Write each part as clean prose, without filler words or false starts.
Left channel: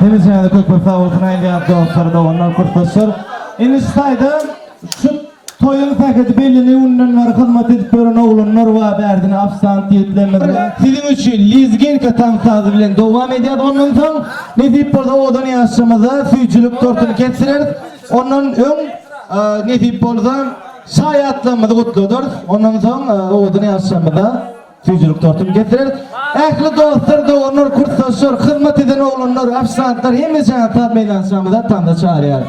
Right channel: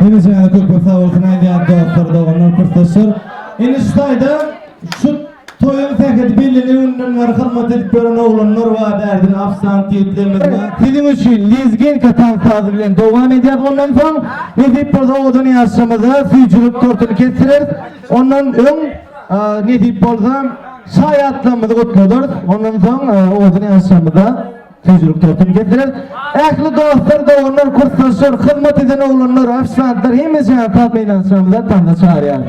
Hemizden de kökbe favortuna indiyan dostlar da onlar profesör. Eniştayda şu toyun tekedi belini undan var hizmet edip gören oğlanlar var berdini afsant yetlemez var. Sizin için lizgin katan sazı bilen devam ediyat. Ondan sonra Nedip burada odan yaşamada suyuculuk tortunu kesilir. Ondan ön Nedip burada şayatlamada kutludur. Ondan sonra odan yaşamada suyuculuk tortunu kesilir. Ehli dostlar da onlar kurslaşır, hizmet eden oğlanlar, afsantlar hemizden tat meydan yaşamada tanda çağırıyor.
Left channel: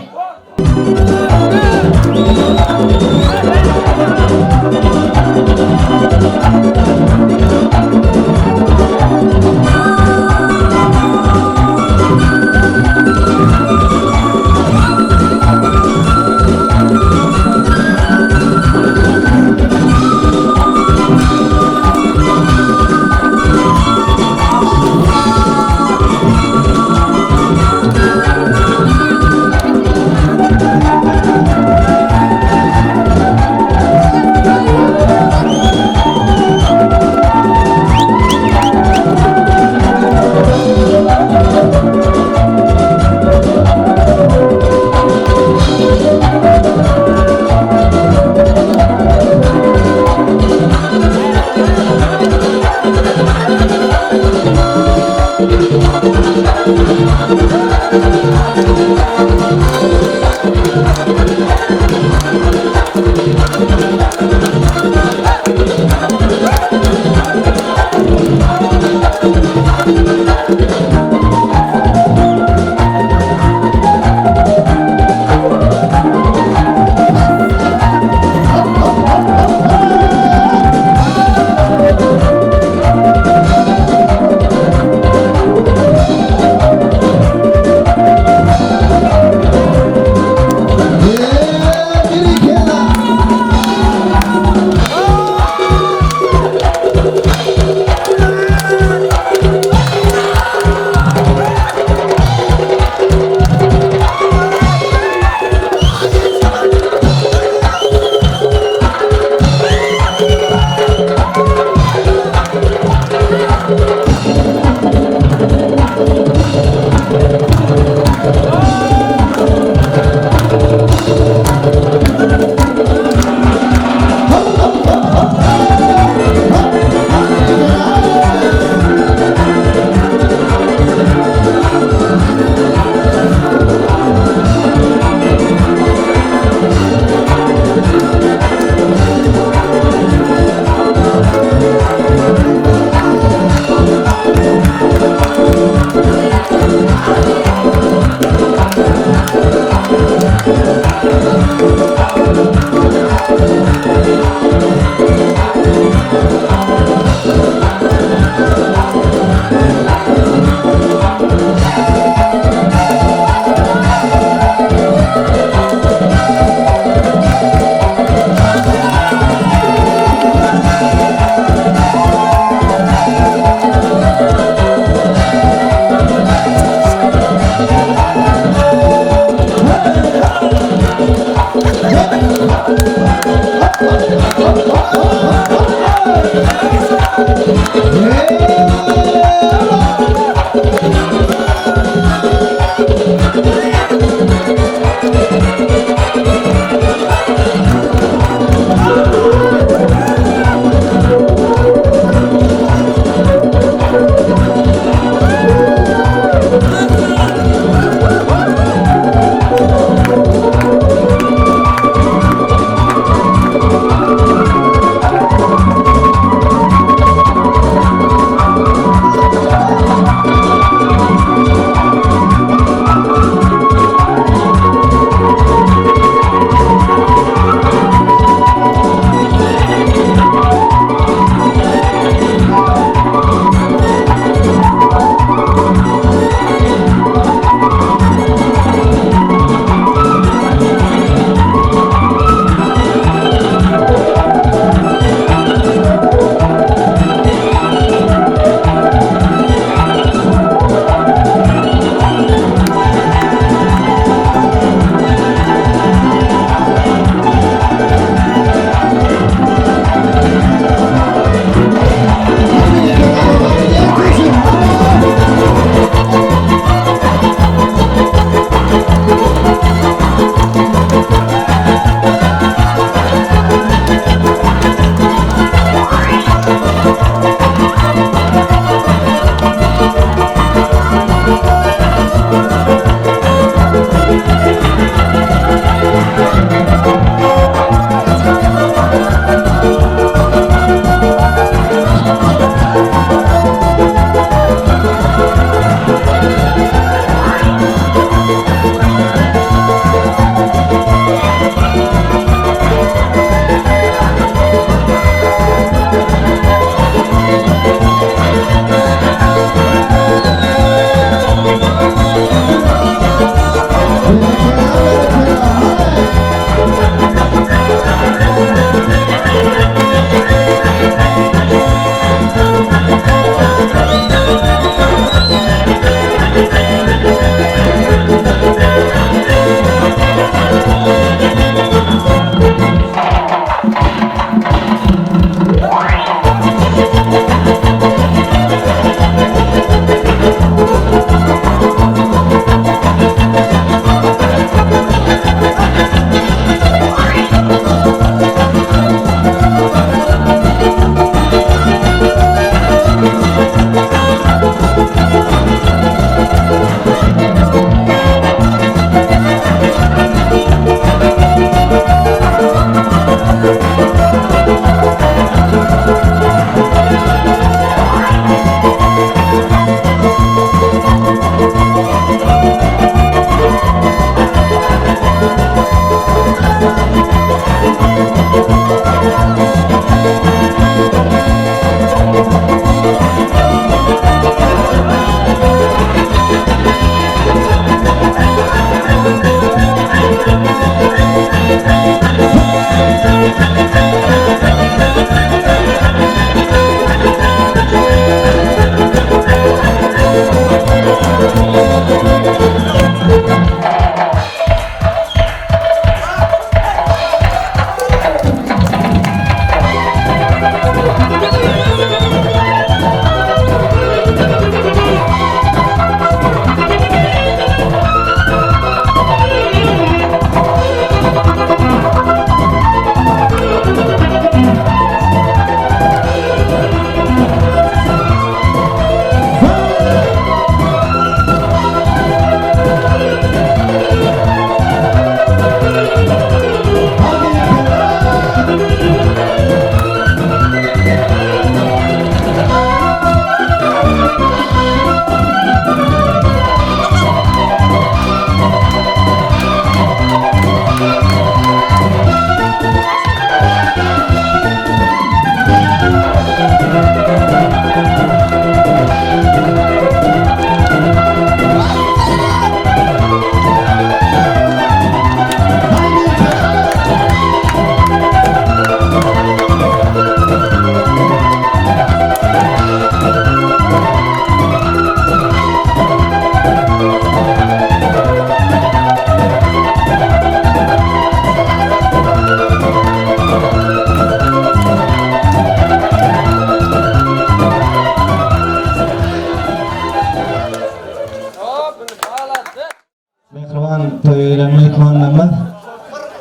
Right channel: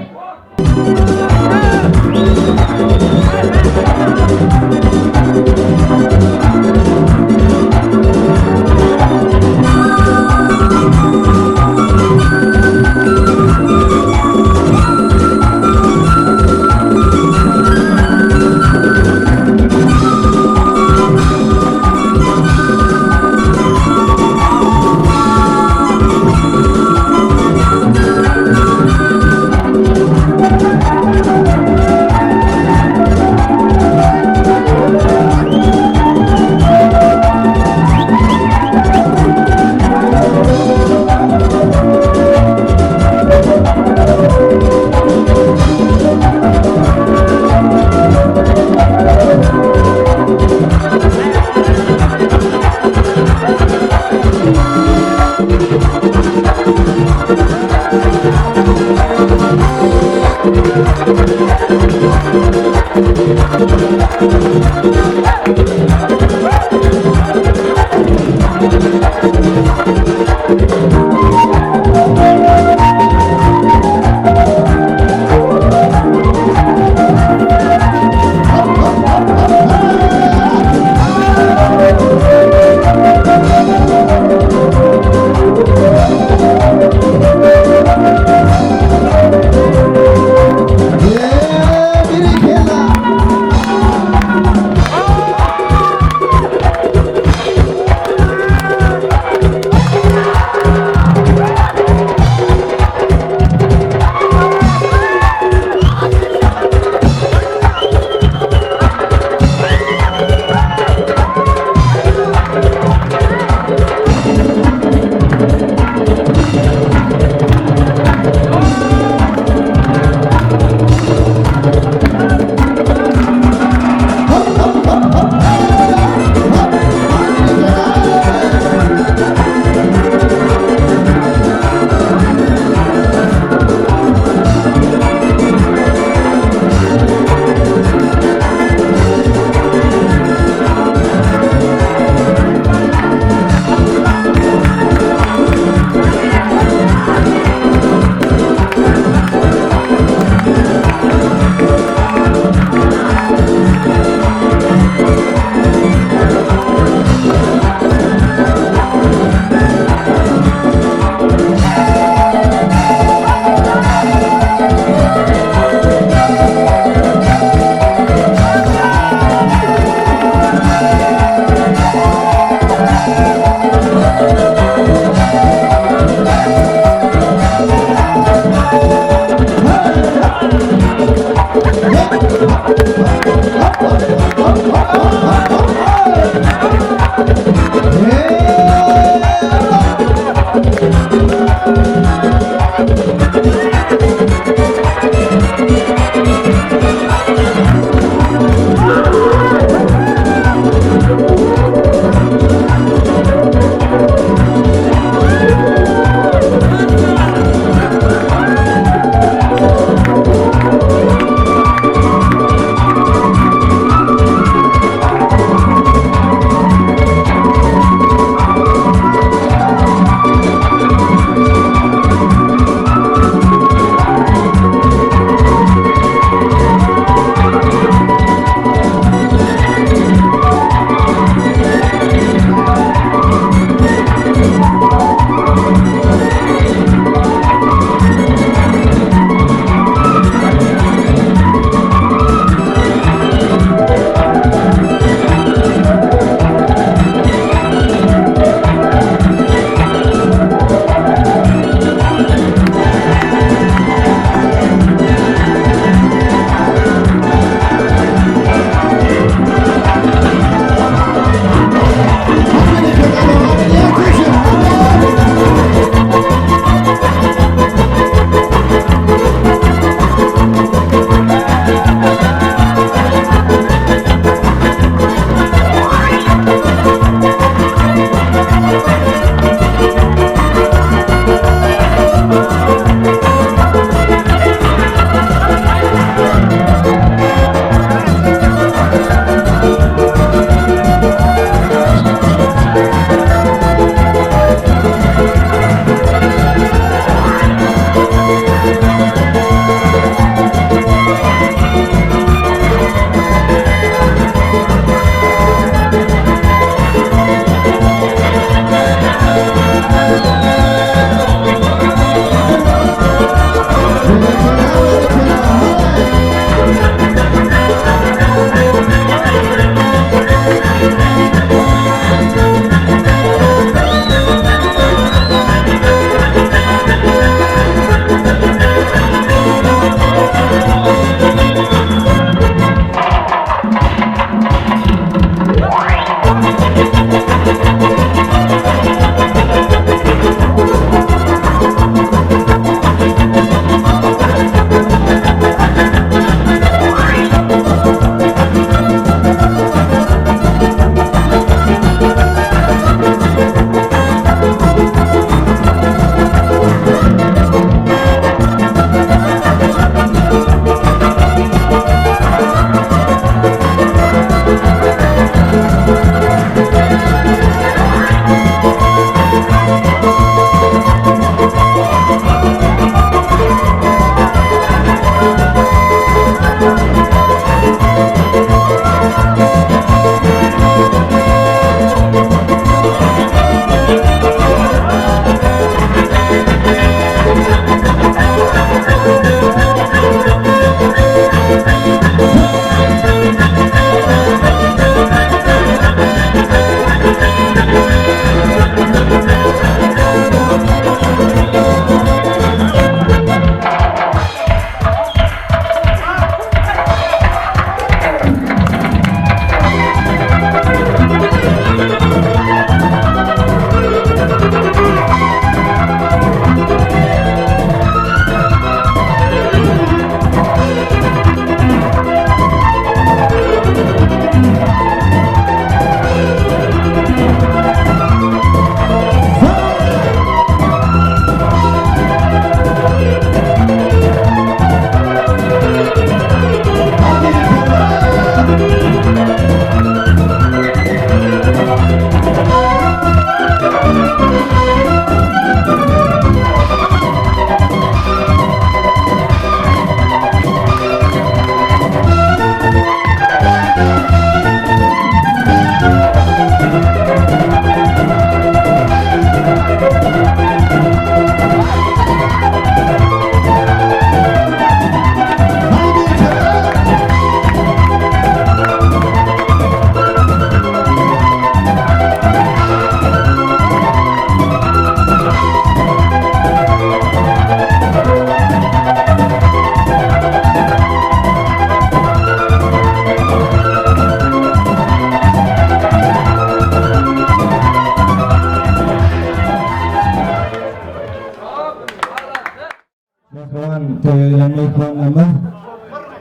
mehmanlarımız.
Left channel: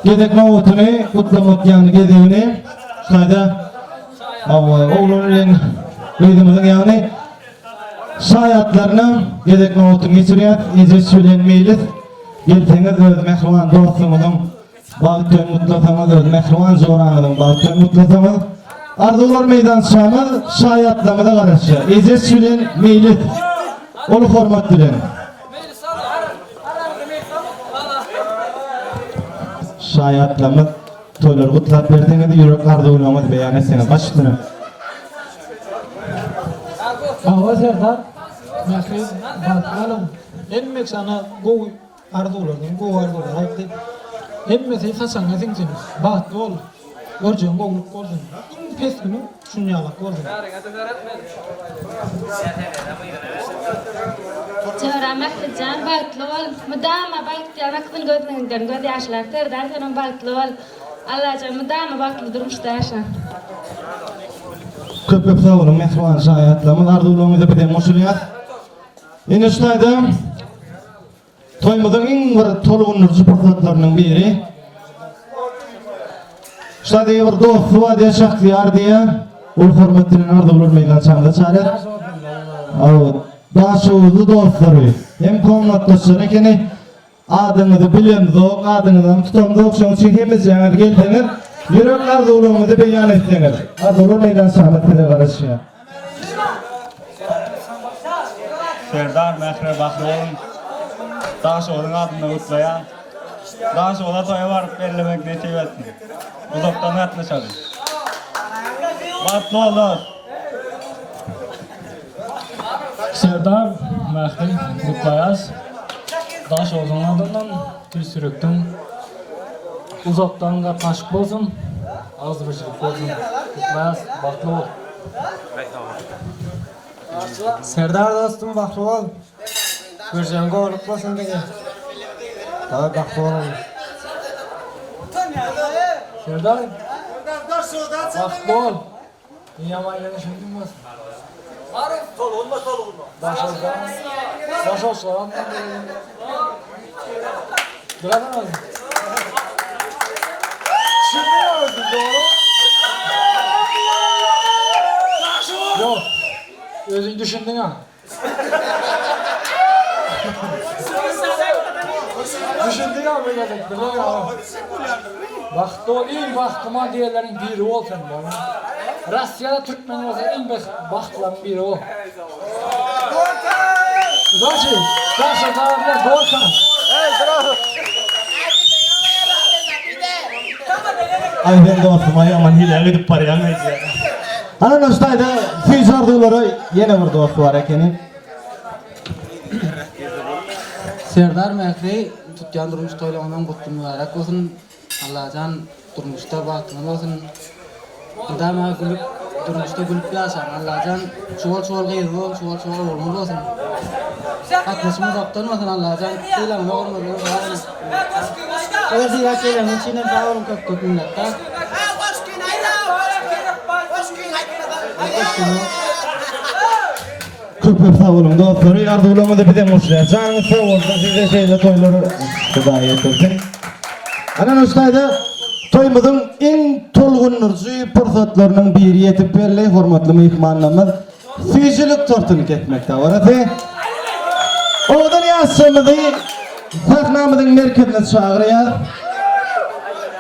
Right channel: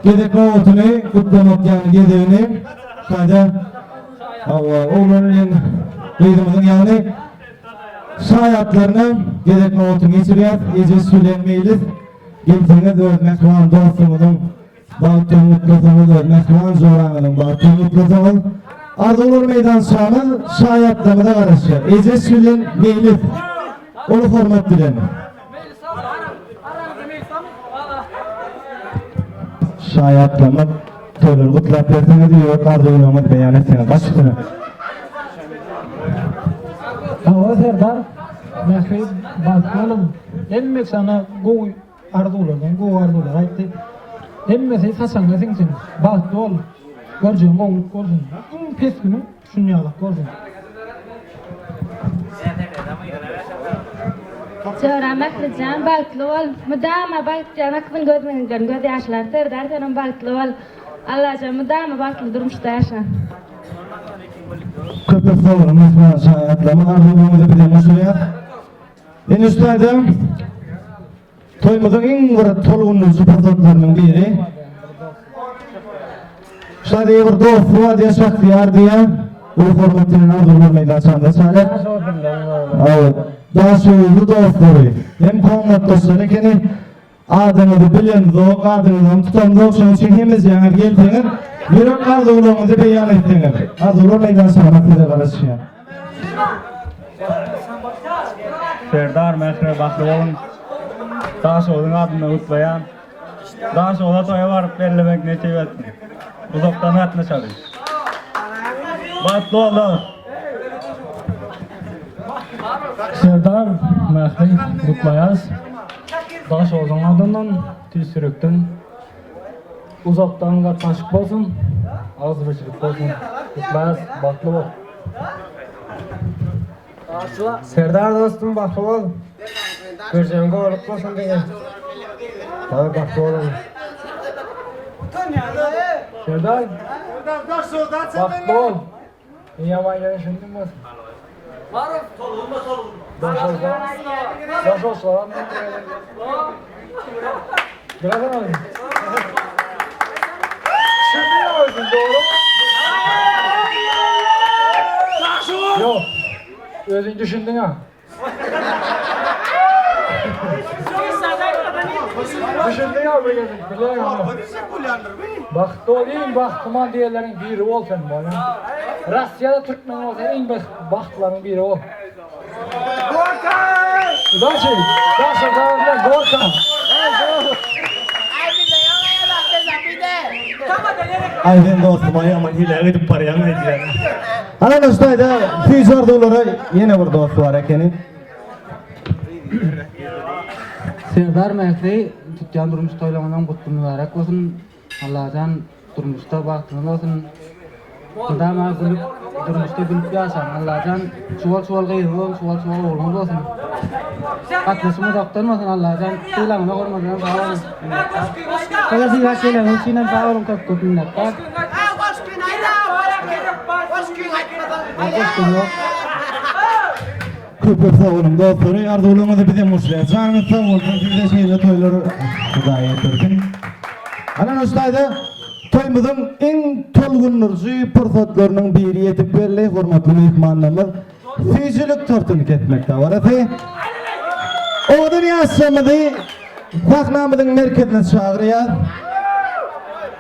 Gedek mavutunu kutlamak yani gedevini şayda oğlunun kıydımızın yani şayatlarını gedek mavutunu geçiriyat ece söylenmeyliz. Gelseniz öz mehman dostumuzun bağıttığını mutlasanız öz mehman zoranızın bağıttığını mutlasanız arzular meydansağımız şayatlamada karşı ece söylenmeyliz. Onu hormat dilerim. Şayatlama toylar kutlap verdiğine de yürek arzulamamız beyan etsene. Başüstüne. Hava Serdar, mehri bakalım. Enmek sana go arzulardan, go arzular ayıktı. Enmesi Hasan'a sinsin, bahtlı ol. Göreceğim, oğluk gördün. İn pes günü, şunu yalak gördün. Jora Maklijan bahtlı ol. Müdama bahtlı akıl gözünden göz yaşlar. Serdar senin bahtlı ol. Allah'cığım müdama bahtlı durmuşta yaşa. Köpek savunun mehman şayatlama arzulamamızı bir de moşuriyat. Eniştayda toymazın en bir tolgunun zıpırtotlarının biri. Şayda bir dostu var diye şahtiyar diye ul hormatinin arzulamaya kaçandı çare. Evet. Daha soğuğlu dostları. Hem konulat dostları ekeni adınızı bilendiniz, adınızdan tutamdık. Şunu çekimiz yanar geldiniz. Yürek arzulamamızı beyan ettiniz. Arzular meydan sahmetine karışıyor. Serdar Mehre baklı olun. Daha soğudun adını kutlayan. Daha soğuda toya varıp bellemek nesip ettin. Uzaktan atını çalış. Batlı oldu. Serdar, mehri kutlayaz. Daş ozan adından, tül sürükten. Uzaktan da taşık bolsun. Az rüşük bolsun. Kutlayaz, bahtlı ol. Serdar dostum baklı ol. Göreceğim oluklasın dege. Tabi baklı olalım. Serdar, bahtlı ol. Yaman yanışın olmaz. Daş ozan. Daş ozan. Bırakın oğlum. Düşünmüyor musun doğru mu? Yok. Özün düşündün ha. Düşündün ha bu geldik. Bilen ha. Baktı ol iyi baktıma diğerlerin biri ol sen bana. Rusya'da Türkmen olsa en baktıların biri ol. Daşı. Daşı dağında Gorkan. Hey bravo. Ay ben dostum ay aman hile gidip paraya neydi yani. Alan ustayda füze arzuları yine bir dostu var ekeni. Serdar Mehri tutgan durmuş toylamadan kutlu mübarek olsun. Allah'tan durmuşta baktığınız olsun. Dama gülüp durmuşta gülüp yaşan. Allah'tan çuval gıyırın, çuval olmaz olsun. Atmışımız oktan olsun Allah'tan. Silahına korkmadan sağ olun. Kıza silah gelen içinden sağ olun köp minnettar. Hoş geldin. Köpek sağ olun dostları arzulamamızı bir de muşluya. Canınız sağ olsun size şeyle toyları kudaya ettirsin. Alan ustayda toymuzun en tolgunurcu fırsatlarının biri yetip veriley hormatlı mehmanlarımız füzülük tortunu ketmekte var. Oğdan yaşamızı sahnamızın merkezine çağırıyor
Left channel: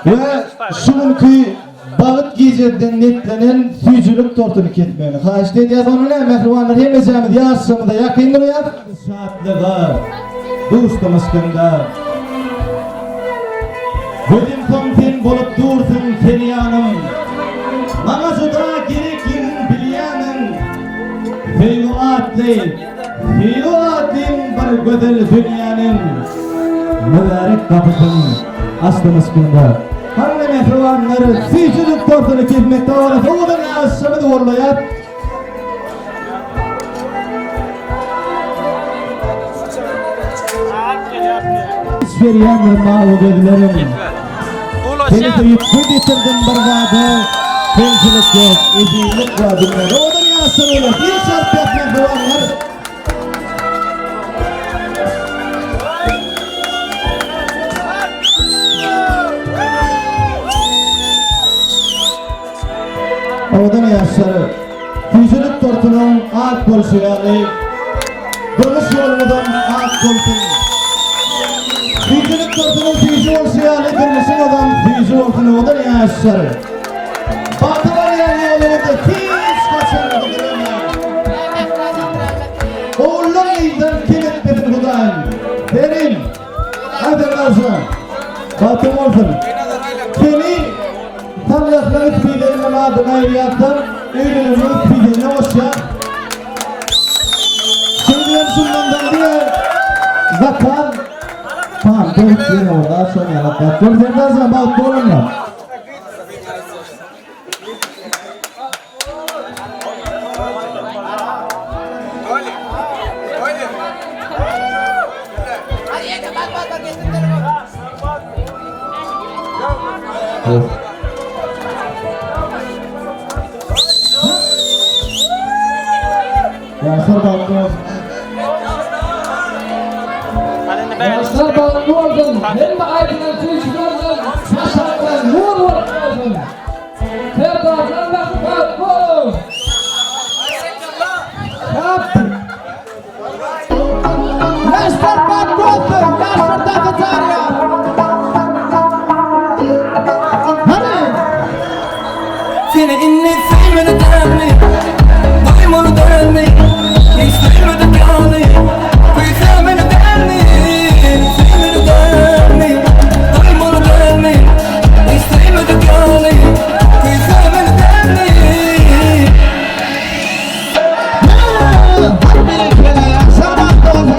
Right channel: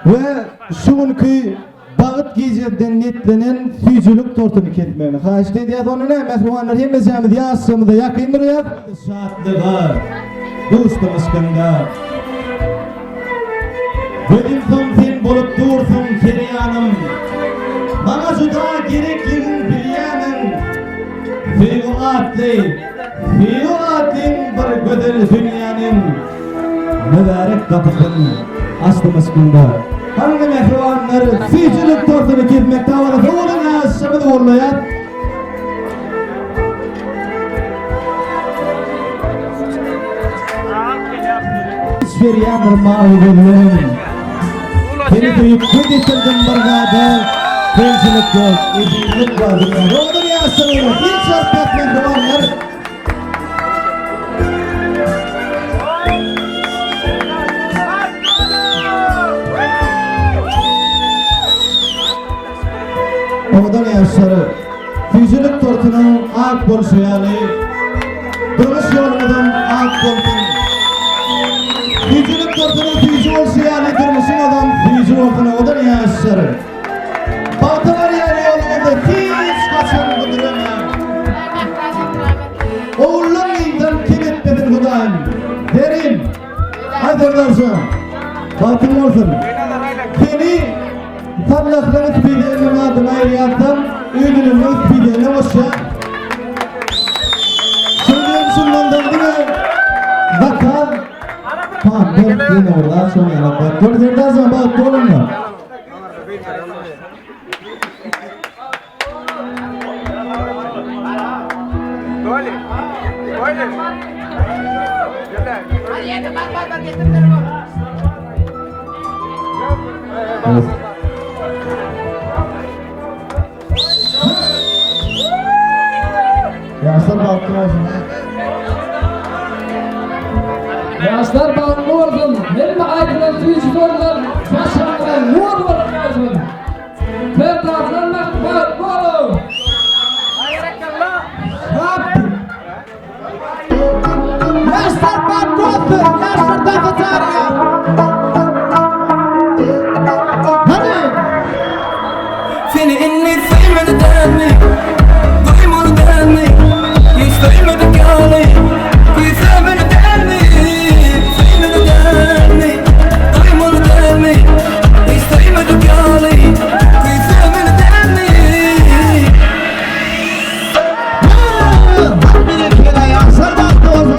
ve şununki bağıt geceden netlenen füzülük tortunu ketmeyeni xahiş ediyoruz. Onunla mehrivanlar hemezemiz yaşamızda yakındır ya. Şahatlığa, dostumuz kında. Gözüm son sen bolup dursun feryanım. Bana juda gerekliğin bilyanım. Feygu atlin bir güzel dünyanın mübarek kapısın açtığımız kında. Hangi mehrivanları füzülük tortunu ketmekte var. Oğlun yaşamı da uğurlayat. Feryanır mavi gözlerim. Seni tüyüp güdütürdüm bargada. Fençilik yok, ezilik var dünyada. Oğlun yaşamı olur. Bir çarpı mehrivanlar. ak bolşýaly. Durmuş ýolumyzdan ak bolsun. Süýjülük tortunyň süýjü bolşýaly, durmuşyň adam süýjü bolsun, odan ýaşary. Bagty bar ýaly ýolumyzda hiç kaçan bildirýär. Oğulun iyiden kim etmedin Hudaýym. Derim. Aderdaşam. Batım olsun. Seni sallaklaryň üspideniň adyna aýrýarsam, öýdülüňi üspideniň oşa. Şeýdem şundan diýe. Zakal. Tamam, dört ýene orada şoň ýalap bar. Aderdaşam, batdy bolunma. Evet. Yaşlar baktı olsun. Yaşlar bağlı olsun. Hem aydınlar süyücü olsun. Saçlarından nur olsun. Her tarafından bak bu. Yaşlar baktı olsun. Yaşlar da katarya. Hadi. Seni inni sevmeni derli, duymonu derli, istemedi gali, kuy sevmeni derli, sevmeni derli, duymonu derli, istemedi gali, kuy sevmeni derli. Hadi bir kere yaşlar baktı olsun.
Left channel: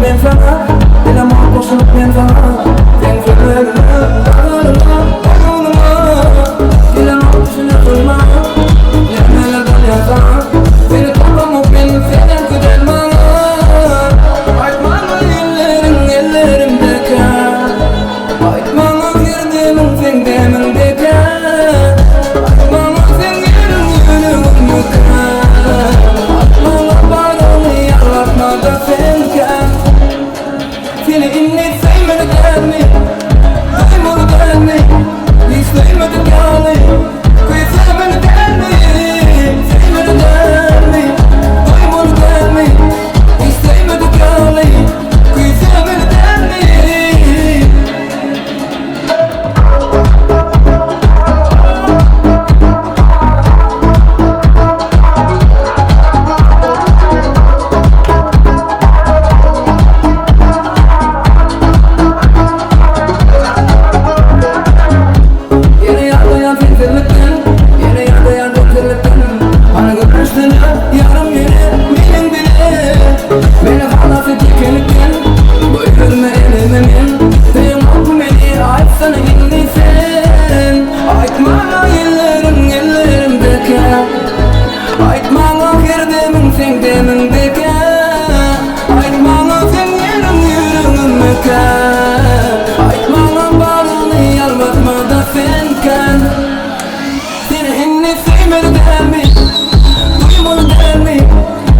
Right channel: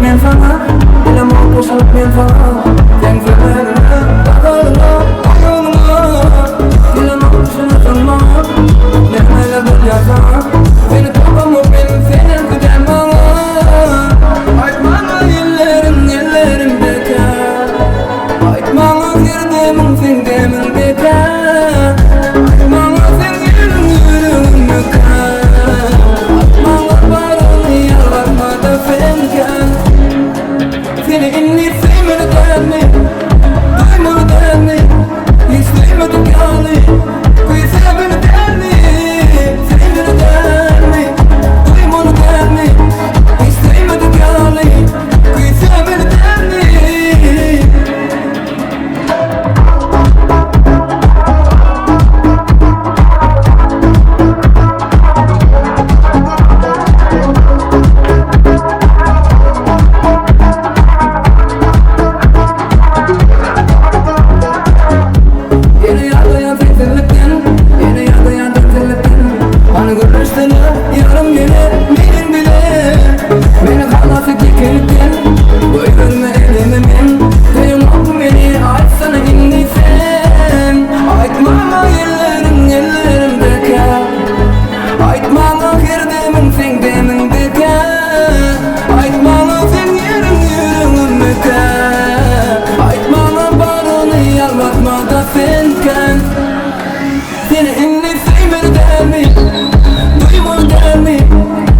Men sana, bilemem koşulup men sana. Sen söylerine, dağlarına, oyununa. Bilemem düşünürsünme, neler bolýarsa. Seni tapamok men senden güden bana. Aytmaňa ellerim bekar. Aytmaňa girdimin sen demin bekar. Aytmaňa sen yüreğim yükar. Aytmaňa barony ýalvarma da senken. Seni inni sevmedi dermi, duymonu dermi, istemedi gali, kuy sevmedi dermi, sevmedi dermi, duymonu dermi, istemedi gali, kuy sevmedi dermi. Yarım yine benim bile beni halas etikelikten buyurma elimimin Duyum oku beni aytsana inni sen Aytmaňa ellerim bekar Aytmaňa girdimin sen demin bekar Aytmaňa sen yüreğim bekar Aytmaňa barony ýalvatma da senken Seni inni sevmedi dermi Duymonu dermi,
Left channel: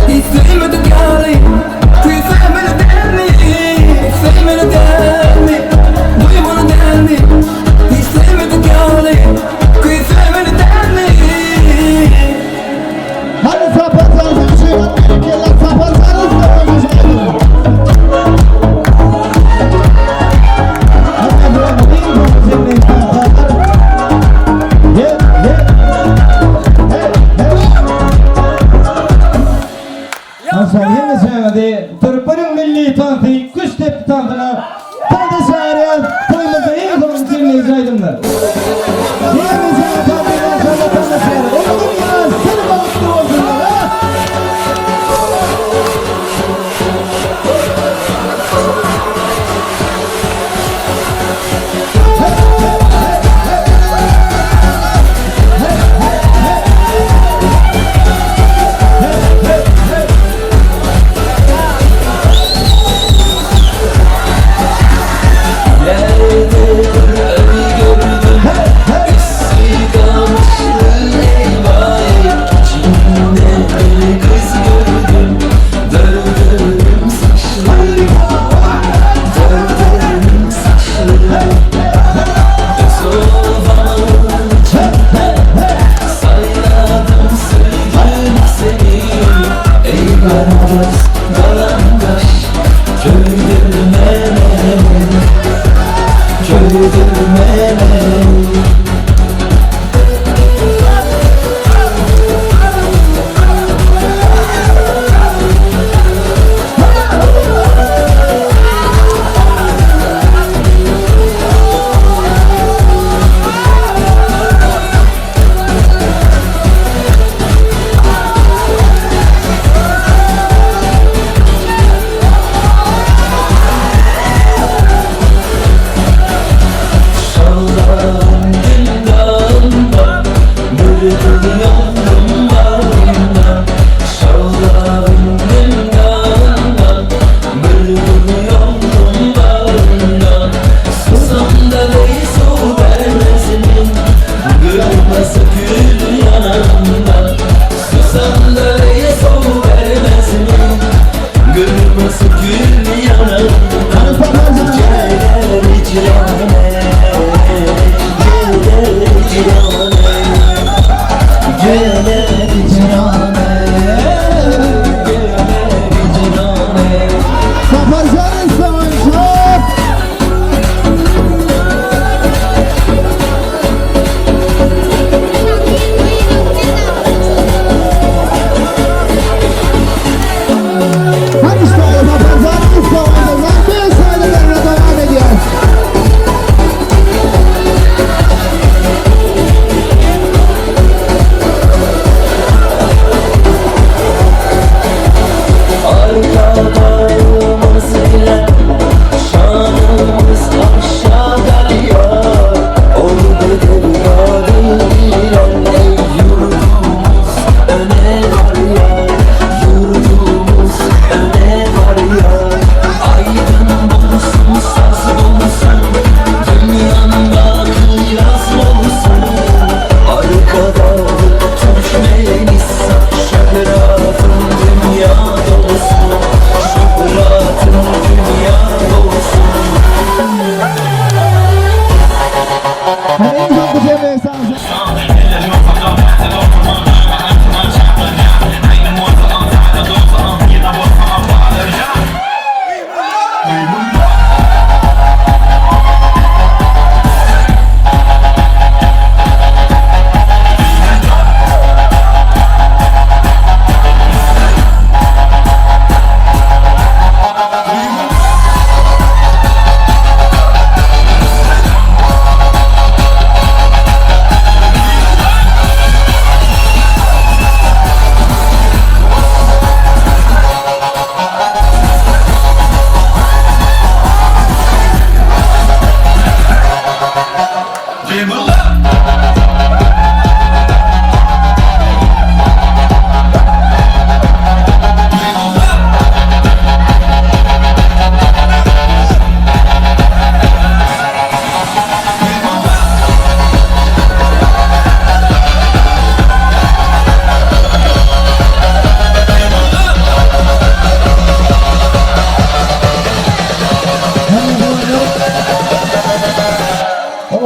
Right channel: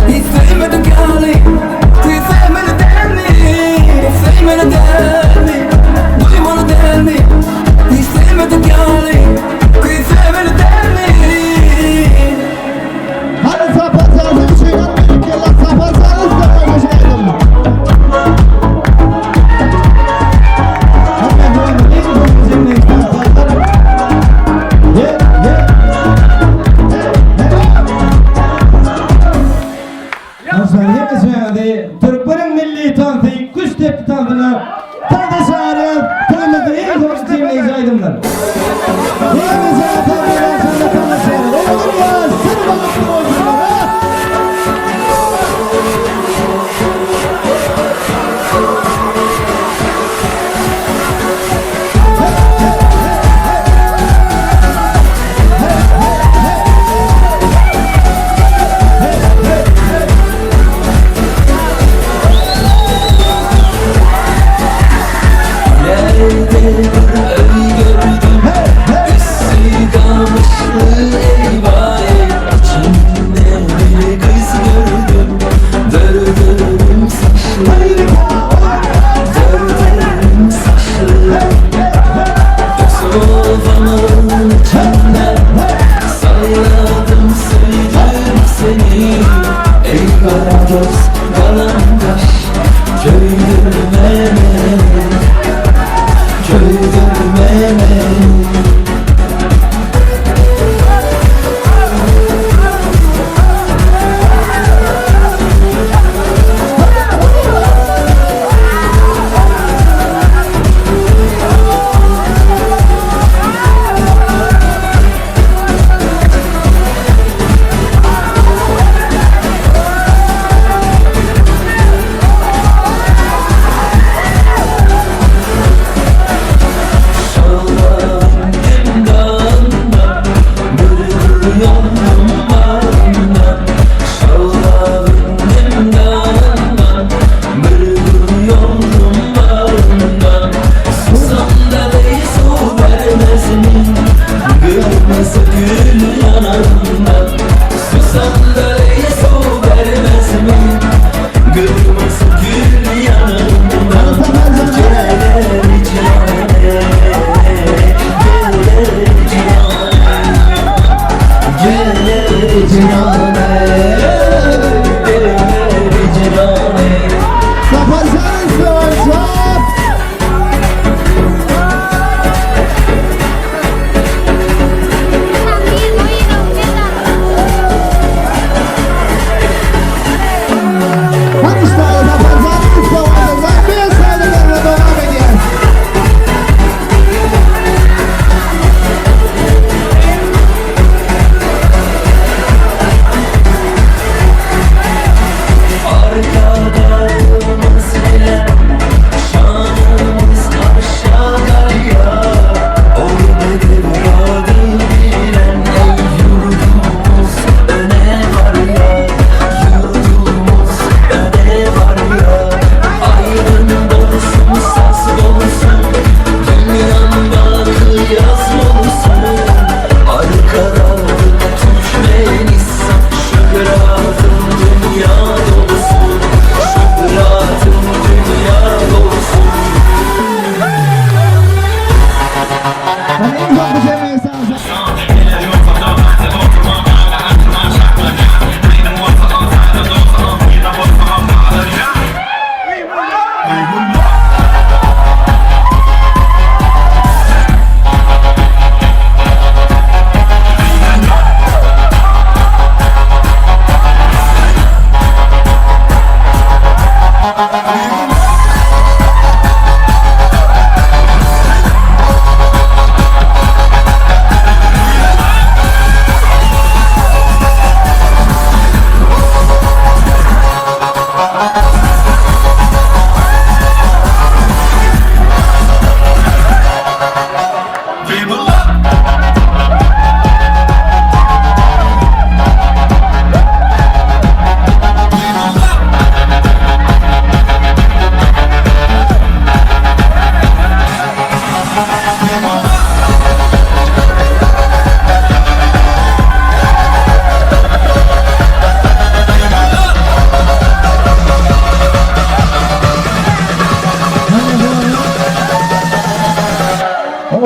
istemedi gali, kuy sevmedi dermi, sevmedi dermi, duymonu dermi, istemedi gali, kuy sevmedi dermi. Hadi sapatsanız bir şey yapmayın ki Allah sapatsanız da konuşmayalım. Hadi bu değil mi? Bizim neyden kalkar? Ye. Aşağı yemeseydi Türklerin milli tanıtı kuş tepki tanıtına tanıtı çağırıyor. Köyümüzde en son dinleyici aydınlar. Yemeseydi tanıtıyla aşağıda tanıtı çağırıyor. Oğlum ya seni balıklı olsunlar ha. Yerde bir ölü gördüm.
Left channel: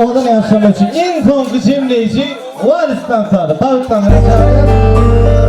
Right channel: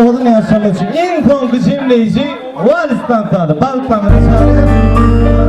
Oğlan yaşamak için en son kıçımlayıcı Walis'tan sağdı. Bağıtlarına çağırıyor.